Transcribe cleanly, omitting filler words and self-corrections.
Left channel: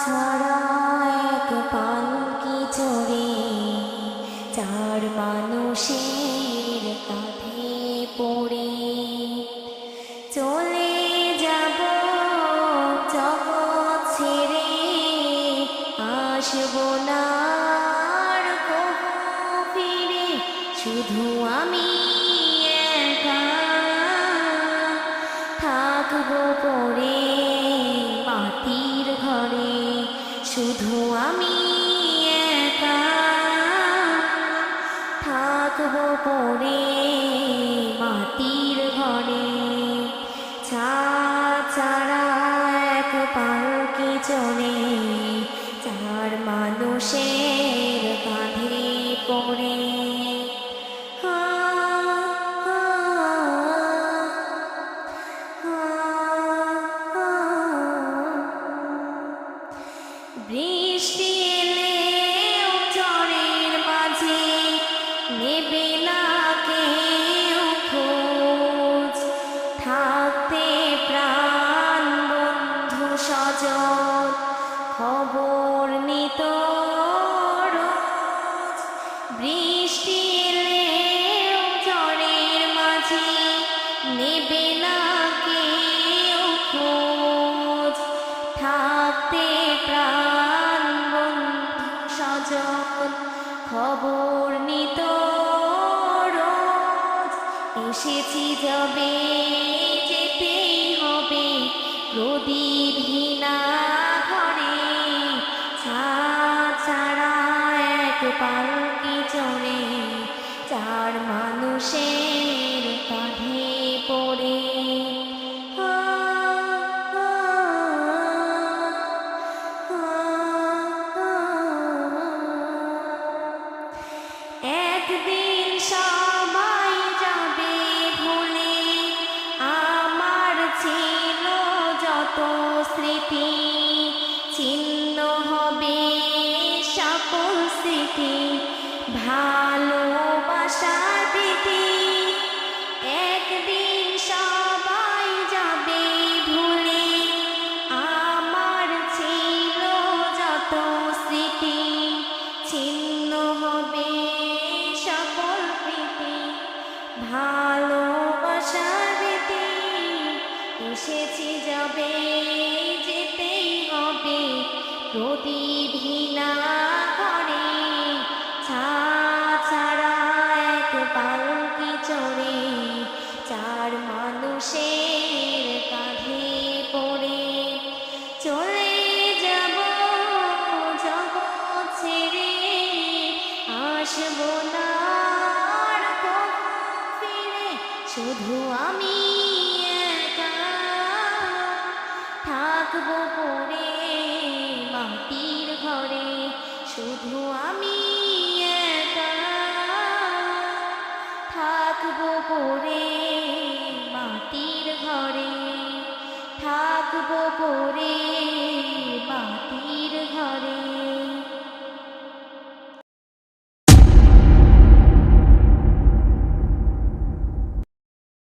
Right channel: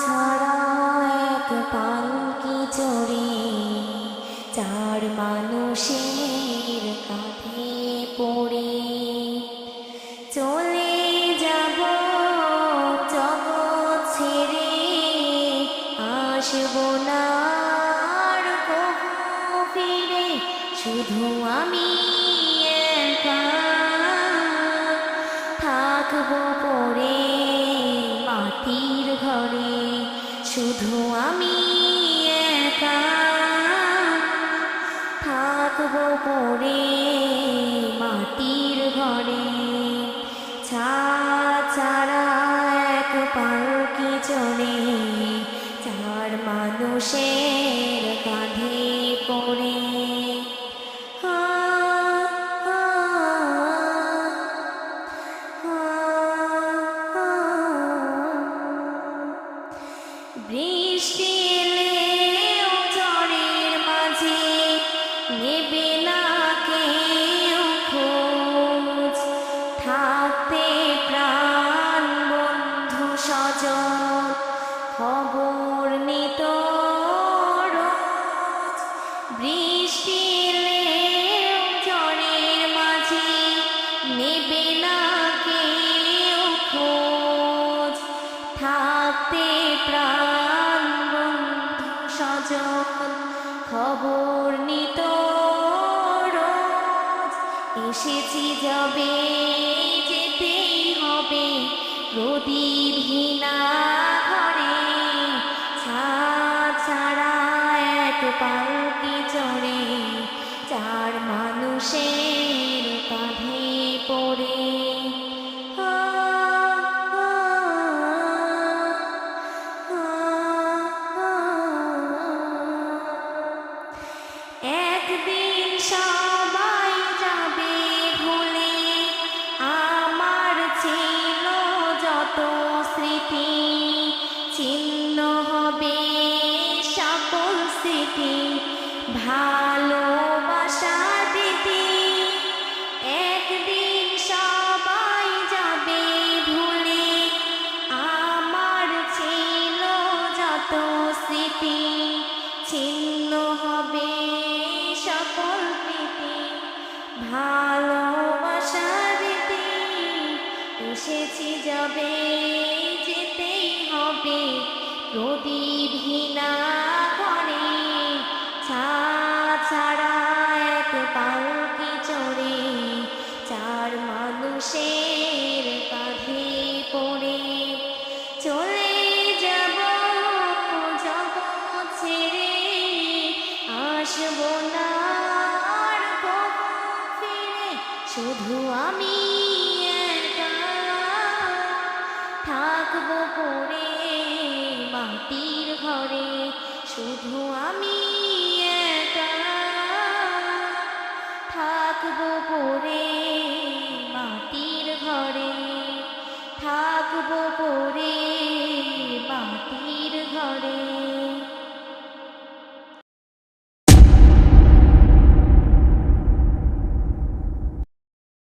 ছাড়া এক পালকি চড়ে চার মানুষের কাঁধে পড়ে চলে যাব জগৎ ছেড়ে, আসবো না আর কবু ফিরে। শুধু আমি একা থাকবো পড়ে মাটির ঘরে। শুধু আমি একা থাকবো পড়ে মাটির ঘরে। ছাড়া এক পালকি চড়ে চার মানুষের কাঁধে পড়ে। বৃষ্টি এলেও ঝড়ের মাঝে নেবে না কেউ খোঁজ। থাকতে প্রাণ বন্ধু স্বজন খবর নিত রোজ। বৃষ্টি এলেও ঝড়ের মাঝে নেবে না কেউ খোঁজ। থাকতে প্রাণ বন্ধু স্বজন খবর নিত রোজ। এসেছি যাবে যেতেই হবে প্রদীপহীনা ঘরে। ছাড়া এক পালকি চড়ে চার মানুষের কাঁধে পড়ে। একদিন সবাই যাবে ভুলে আমার ছিল যত স্মৃতি। ছিন্ন হবে সকল স্মৃতি ভালোবাসার প্রীতি। একদিন সবাই যাবে ভুলে আমার ছিল যত স্মৃতি। ছিন্ন হবে সকল প্রীতি ভালোবাসার রীতি। এসেছি যাবে যেতেই হবে প্রদীপহীনা ঘরে। ছাড়া এক পালকি চড়ে চার মানুষের কাঁধে পড়ে চলে যাব জগৎ ছেড়ে। আসবো না আর কবু ফিরে। শুধু আমি একা থাকবো পড়ে মাটির ঘরে। শুধু আমি একা থাকবো পড়ে মাটির ঘরে। থাকবো পড়ে মাটির ঘরে।